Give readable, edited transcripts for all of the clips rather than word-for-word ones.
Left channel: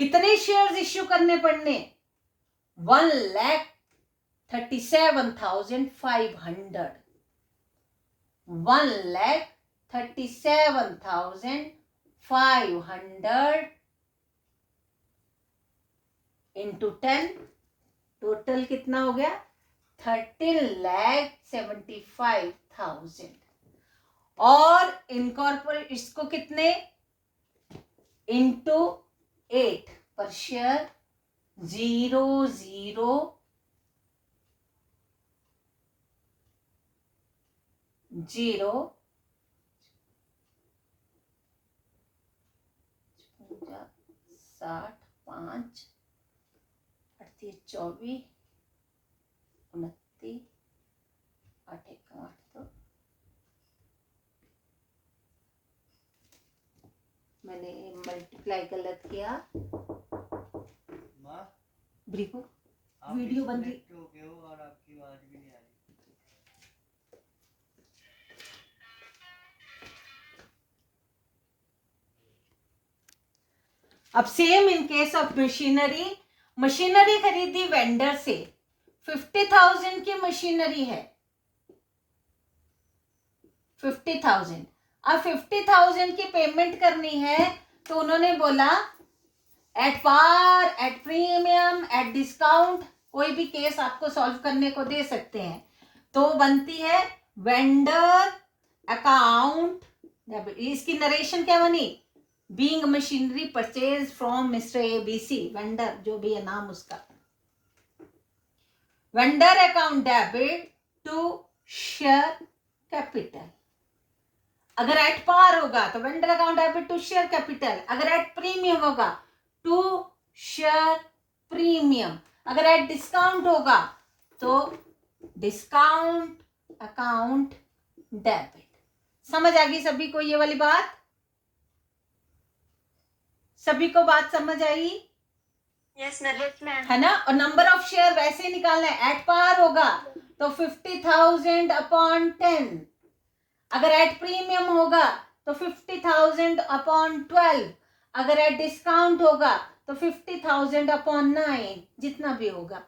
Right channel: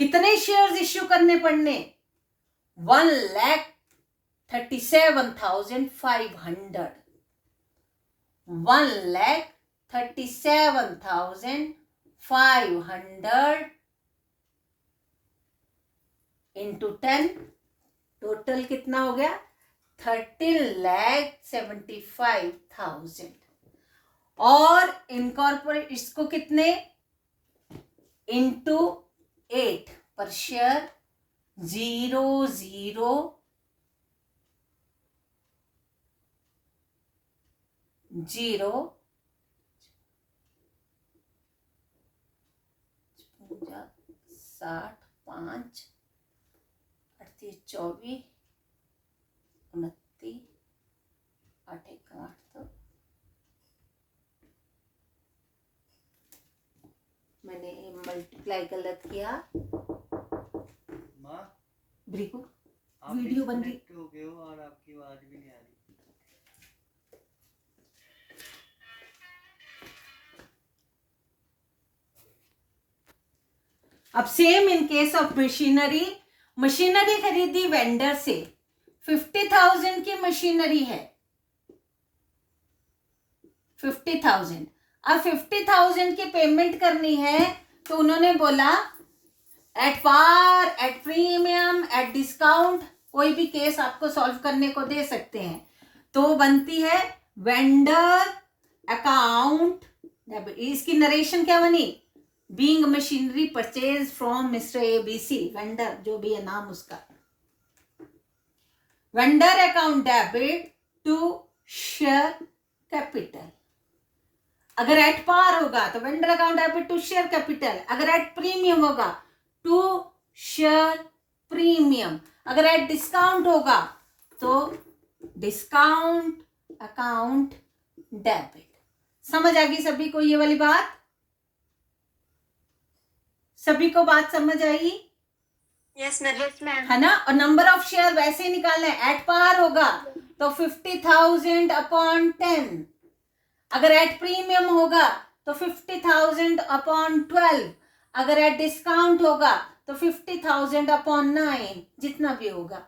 कितने shares issue करने पड़ने? 1,37,500, 1,37,500 इंटू 10, टोटल कितना हो गया? 13,75,000। और इनकॉर्पोरेट इसको कितने? इंटू 8 पर शेयर 0,0,0 60, 5, 38, 24, 29, 8, 1, 8, तो मैंने मल्टीप्लाई गलत किया। माँ, ब्रिको आप वीडियो बन रही डिस्कनेक्ट हो गए हो और आपकी आवाज भी नहीं आ रही। अब same in case of machinery, machinery खरीदी वेंडर से, 50,000 की मशीनरी है, 50,000। अब 50,000 की पेमेंट करनी है तो उन्होंने बोला at par, at premium, at discount, कोई भी केस आपको सॉल्व करने को दे सकते हैं। तो बनती है वेंडर अकाउंट, इसकी नरेशन क्या बनी? Being machinery purchase from Mr ABC, vendor जो भी है नाम उसका। Vendor account debit to share capital. अगर एट पार होगा तो vendor account debit to share capital, अगर एट प्रीमियम होगा टू शेयर प्रीमियम, अगर एट डिस्काउंट होगा तो डिस्काउंट अकाउंट डेबिट। समझ आ गई सभी को ये वाली बात? सभी को बात समझ आई? Yes ma'am. है ना? और नंबर ऑफ शेयर वैसे ही निकालना है। एट पार होगा तो 50,000 अपॉन 10, अगर एट प्रीमियम होगा तो 50,000 अपॉन 12, अगर एट डिस्काउंट होगा तो 50,000 अपॉन 9, जितना भी होगा,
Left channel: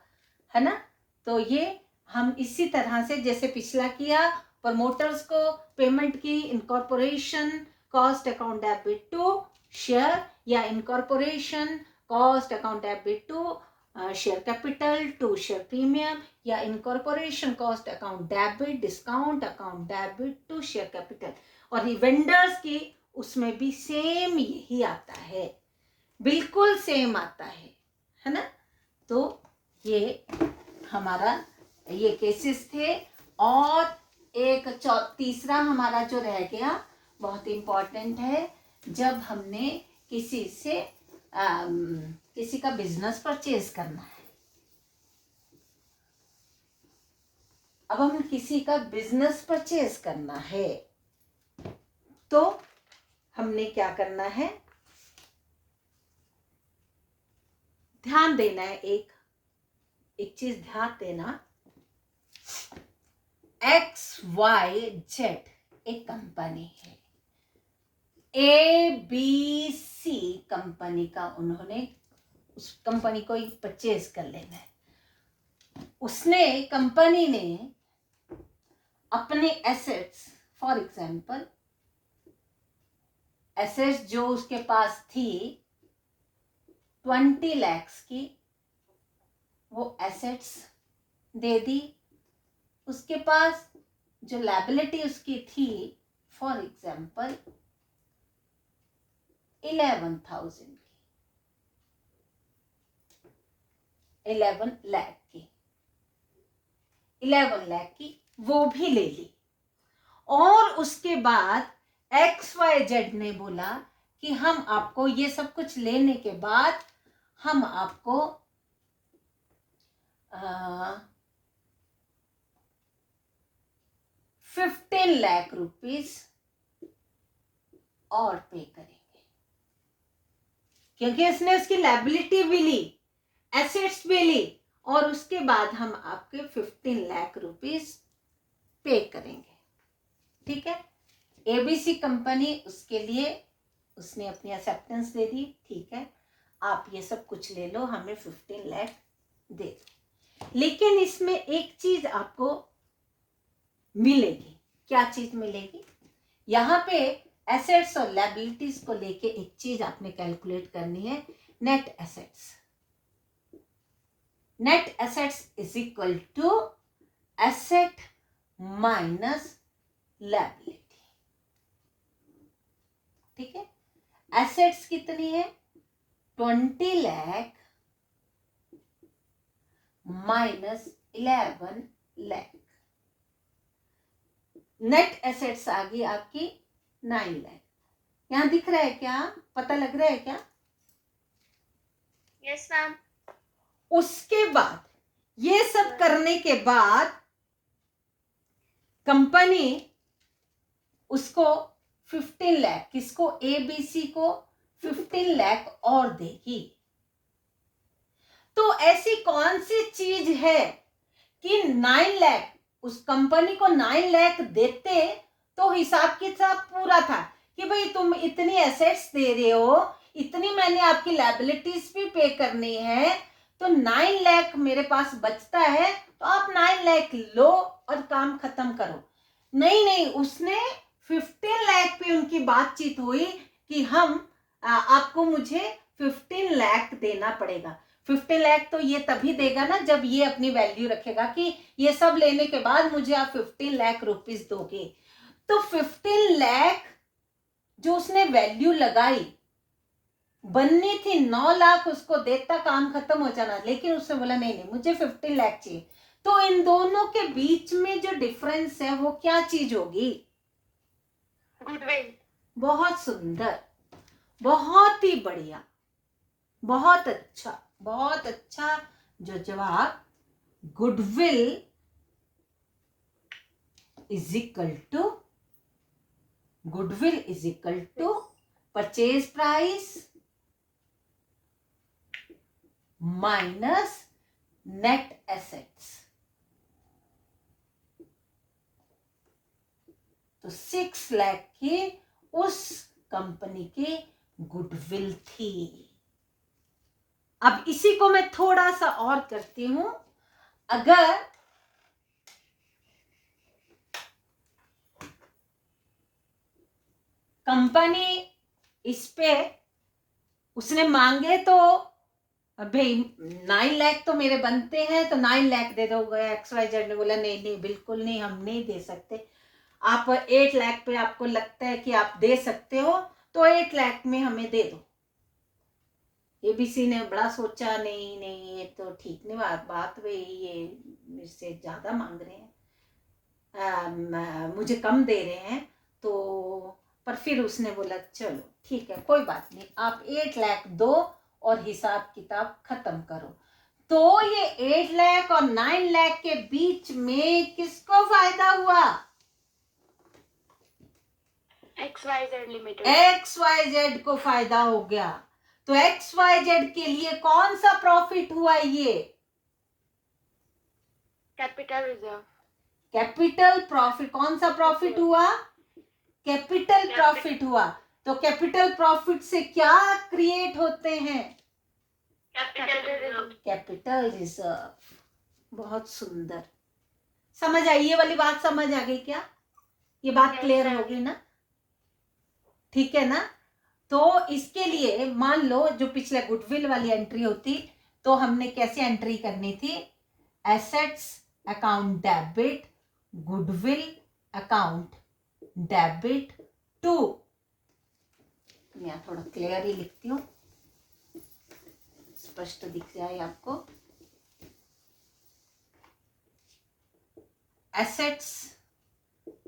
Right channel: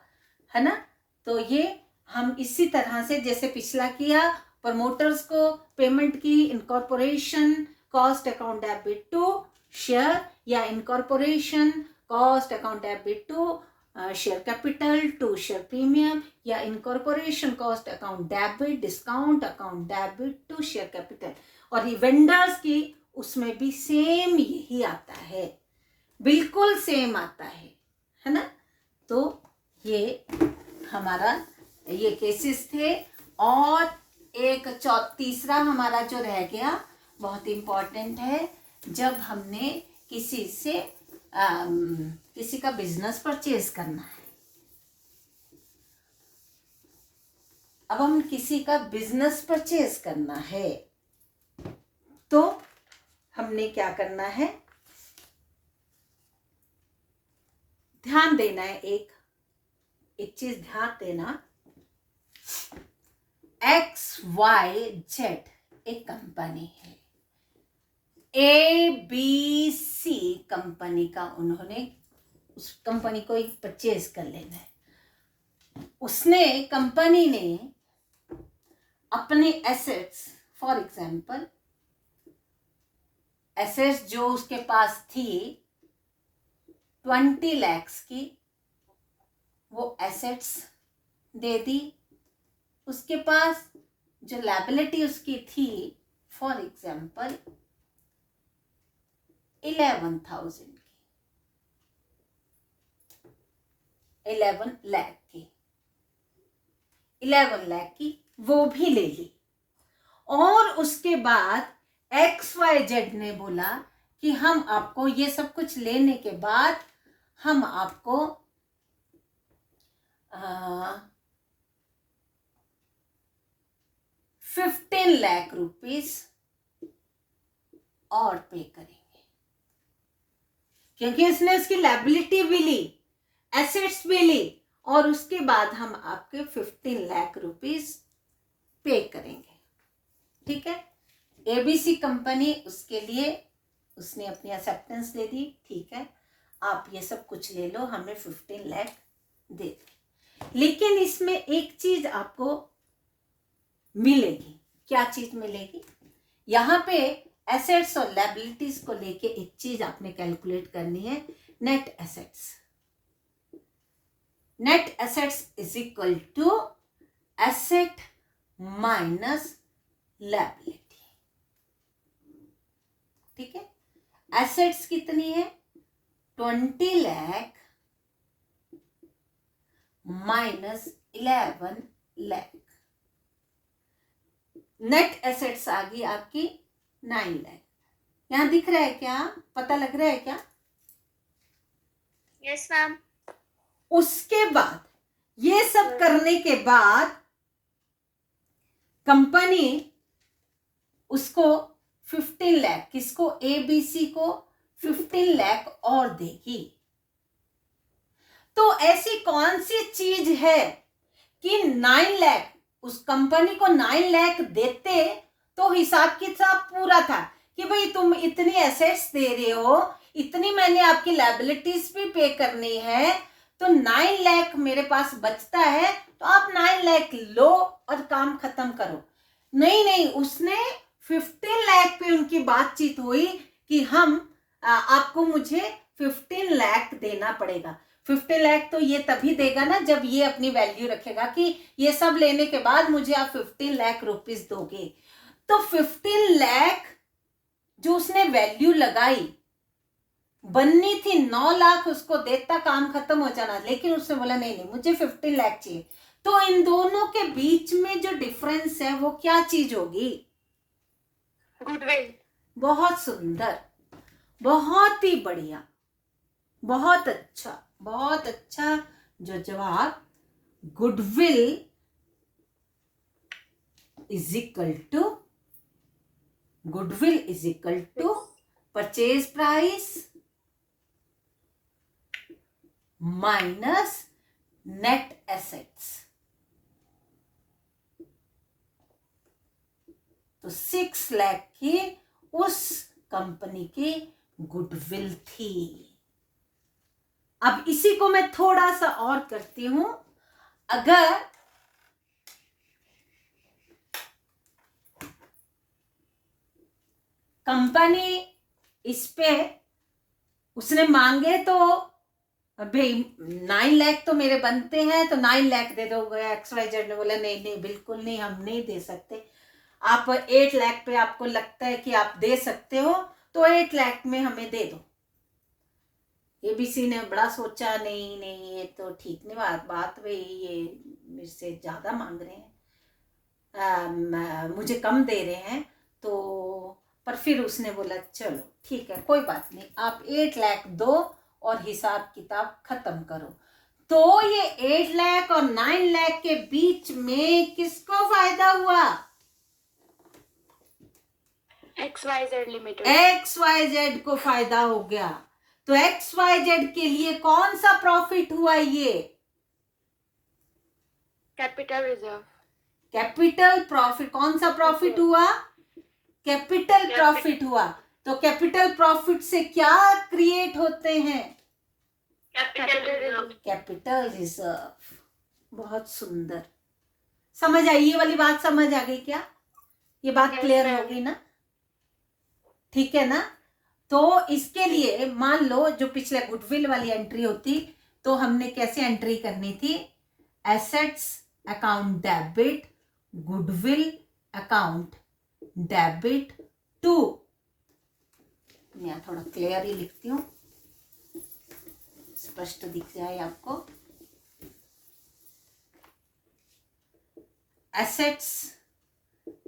है ना? तो ये हम इसी तरह से जैसे पिछला किया, प्रमोटर्स को पेमेंट की, incorporation cost account debit to share, या incorporation cost account debit to share capital to share premium, या incorporation cost account debit discount account debit to share capital. और वेंडर्स की उसमें भी सेम यही आता है, बिल्कुल सेम आता है ना? तो ये हमारा ये केसेस थे। और एक तीसरा हमारा जो रह गया बहुत इंपॉर्टेंट है, जब हमने किसी से किसी का बिजनेस परचेज करना है। अब हम किसी का बिजनेस परचेज करना है तो हमने क्या करना है? ध्यान देना है, एक चीज ध्यान देना। XYZ एक कंपनी है, ABC कंपनी का उन्होंने उस कंपनी को एक परचेज कर लेना है। उसने कंपनी ने अपने एसेट्स, फॉर एग्जाम्पल एसेट्स जो उसके पास थी 20 लाख की, वो एसेट्स दे दी। उसके पास जो लायबिलिटी उसकी थी फॉर एग्जाम्पल 11,000 की, 11 लाख की, 11 लाख की वो भी ले ली। और उसके बाद XYZ ने बोला कि हम आपको ये सब कुछ लेने के बाद हम आपको 15 लाख रुपीस और पे करेंगे, क्योंकि उसने उसकी लायबिलिटी भी ली, एसेट्स भी ली, और उसके बाद हम आपके 15 लाख रुपीस पे करेंगे। ठीक है? ABC कंपनी उसके लिए उसने अपनी एक्सेप्टेंस दे दी। ठीक है, आप ये सब कुछ ले लो, हमें 15 लाख दे दो। लेकिन इसमें एक चीज आपको मिलेगी। क्या चीज मिलेगी? यहाँ पे एसेट्स और लायबिलिटीज को लेके एक चीज आपने कैलकुलेट करनी है, net assets. Net assets is equal to asset minus liability. ठीक है, एसेट्स कितनी है? 20 लाख माइनस 11 लाख। नेट एसेट्स आ गई आपकी 9 लाख। यहां दिख रहा है क्या? पता लग रहा है क्या? Yes, ma'am. उसके बाद ये सब करने के बाद कंपनी उसको 15 लाख, किसको? एबीसी को 15 लाख और देगी। तो ऐसी कौन सी चीज है कि 9 लाख, उस कंपनी को 9 लाख देते तो हिसाब किताब पूरा था कि भाई तुम इतनी एसेट्स दे रहे हो, इतनी मैंने आपकी लायबिलिटीज भी पे करनी है, तो 9 लाख मेरे पास बचता है, तो आप 9 लाख लो और काम खत्म करो। नहीं, उसने 15 लाख पे उनकी बातचीत हुई कि हम आपको मुझे 15 लाख देना पड़ेगा। 15 लाख तो ये तभी देगा ना जब ये अपनी वैल्यू रखेगा कि ये सब लेने के बाद मुझे आप 15 लाख रुपीस दोगे। तो 15 लाख जो उसने वैल्यू लगाई, बननी थी 9 लाख, उसको देता काम खत्म हो जाना, लेकिन उसने बोला नहीं मुझे 15 लाख चाहिए। तो इन दोनों के बीच में जो डिफरेंस है वो क्या चीज होगी? Goodwill. बहुत सुंदर, बहुत ही बढ़िया, बहुत अच्छा जो जवाब, goodwill is equal to purchase price minus net assets. तो 6 लाख की उस कंपनी की गुडविल थी। अब इसी को मैं थोड़ा सा और करती हूं। अगर कंपनी इस पे उसने मांगे तो भाई 9 लाख तो मेरे बनते हैं, तो 9 लाख दे दो। XYZ ने बोला नहीं बिल्कुल नहीं, हम नहीं दे सकते। आप 8 लाख पे आपको लगता है कि आप दे सकते हो, तो 8 लाख में हमें दे दो। एबीसी ने बड़ा सोचा, नहीं ये तो ठीक नहीं बात भाई, ये मेरे से ज्यादा मांग रहे हैं, मुझे कम दे रहे हैं। तो पर फिर उसने बोला चलो ठीक है कोई बात नहीं, आप 8 लाख दो और हिसाब किताब खत्म करो। तो ये 8 लाख और 9 लाख के बीच में किसको फायदा हुआ? XYZ Limited. XYZ को फायदा हो गया। तो XYZ के लिए कौन सा प्रॉफिट हुआ? ये Capital reserve. Capital profit. कौन सा प्रॉफिट हुआ? कैपिटल प्रॉफिट हुआ। तो कैपिटल प्रॉफिट से क्या क्रिएट होते हैं? Capital reserve. बहुत सुंदर, समझ आई? ये वाली बात समझ आ गई क्या? ये बात क्लियर हो गई ना? ठीक है ना? तो इसके लिए मान लो जो पिछले गुडविल वाली एंट्री होती, तो हमने कैसे एंट्री करनी थी? Assets account debit, goodwill account debit to, मैं थोड़ा क्लियर ही लिखती हूँ, स्पष्ट दिख जाए आपको। Assets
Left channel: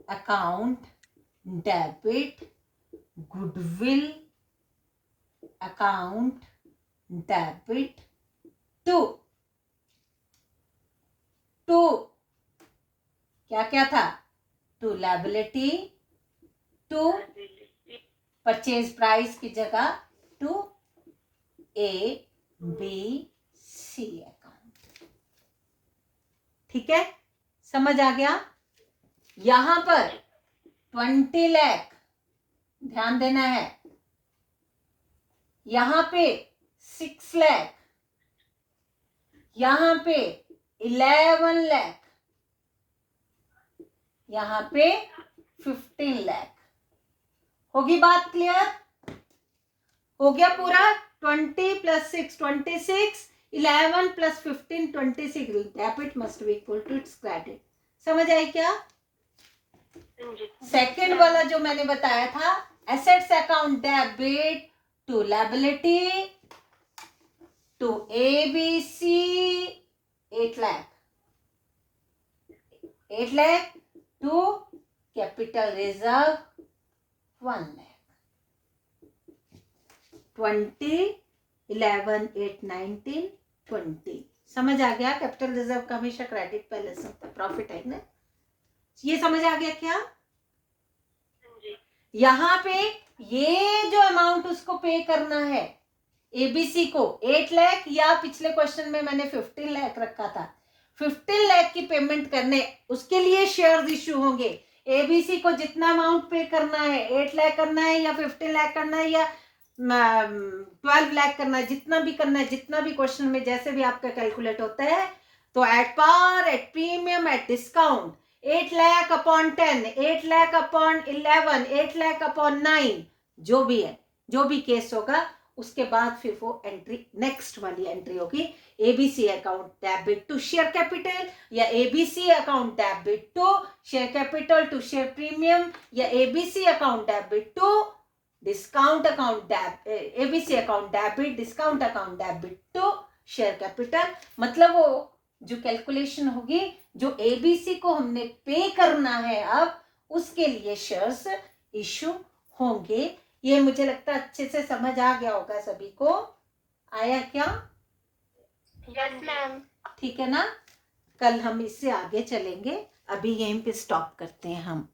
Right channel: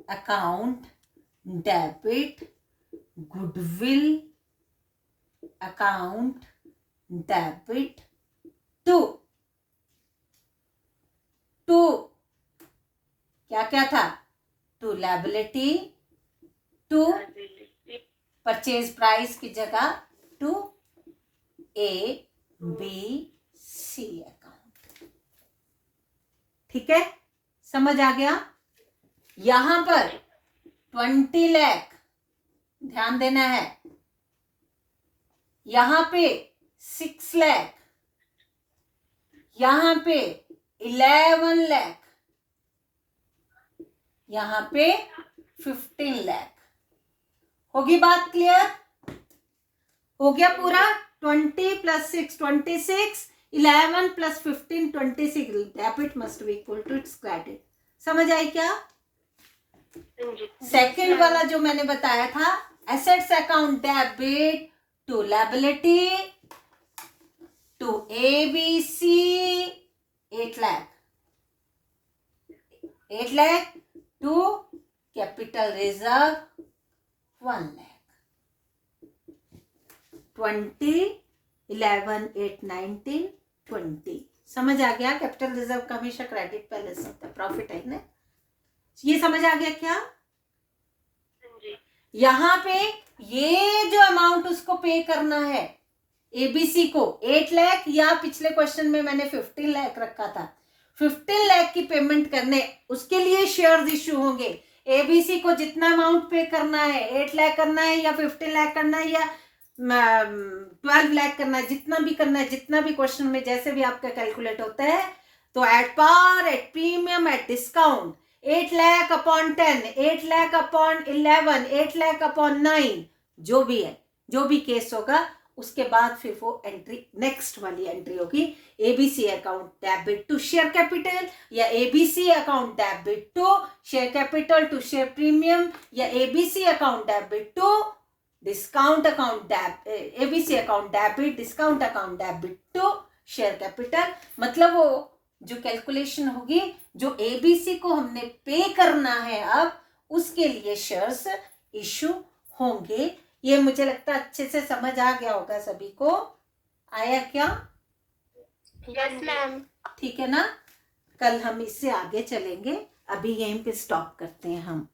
account debit goodwill account debit to क्या था? To liability, to purchase price की जगह टू ABC अकाउंट। ठीक है, समझ आ गया? यहां पर 20 लाख ध्यान देना है, यहां पे 6 लाख, यहां पे 11 लाख, यहां पे 15 लाख। होगी बात क्लियर? हो गया पूरा? 20 plus 6 26, 11 plus 15 26, debit must be equal to its credit. समझ आई क्या? सेकेंड वाला जो मैंने बताया था, assets account debit to liability to ABC 8 lakh, 8 lakh to capital reserve 1 lakh. 20, 11, 8, 19, 20। समझ आ गया? कैपिटल रिजर्व का हमेशा क्रेडिट पहले से होता है, प्रॉफिट है ना? ये समझ आ गया क्या? यहाँ पे ये जो अमाउंट उसको पे करना है एबीसी को 8 लाख, या पिछले क्वेश्चन में मैंने 15 लाख रखा था, 15 लाख की पेमेंट करने, उसके लिए शेयर्स इश्यू होंगे। एबीसी को जितना अमाउंट पे करना है, 8 लाख करना है या 15 लाख करना है या 12 लाख करना है, जितना भी करना है, जितना भी क्वेश्चन में जैसे भी आपका कैलकुलेट होता है, तो at par, at premium, at discount 8 lakh upon 10, 8 lakh upon 11, 8 lakh upon 9, जो भी है, जो भी केस होगा, उसके बाद फिर वो एंट्री, नेक्स्ट वाली एंट्री होगी ABC account debit to share capital, या ABC account debit to share capital to share premium, या ABC account debit to discount account, ABC account debit discount account debit to share capital. मतलब वो जो calculation होगी, जो ABC को हमने पे करना है अब, उसके लिए शेयर्स इशू होंगे। ये मुझे लगता है अच्छे से समझ आ गया होगा सभी को। आया क्या? Yes ma'am. ठीक है ना? कल हम इससे आगे चलेंगे, अभी यहीं पे स्टॉप करते हैं हम।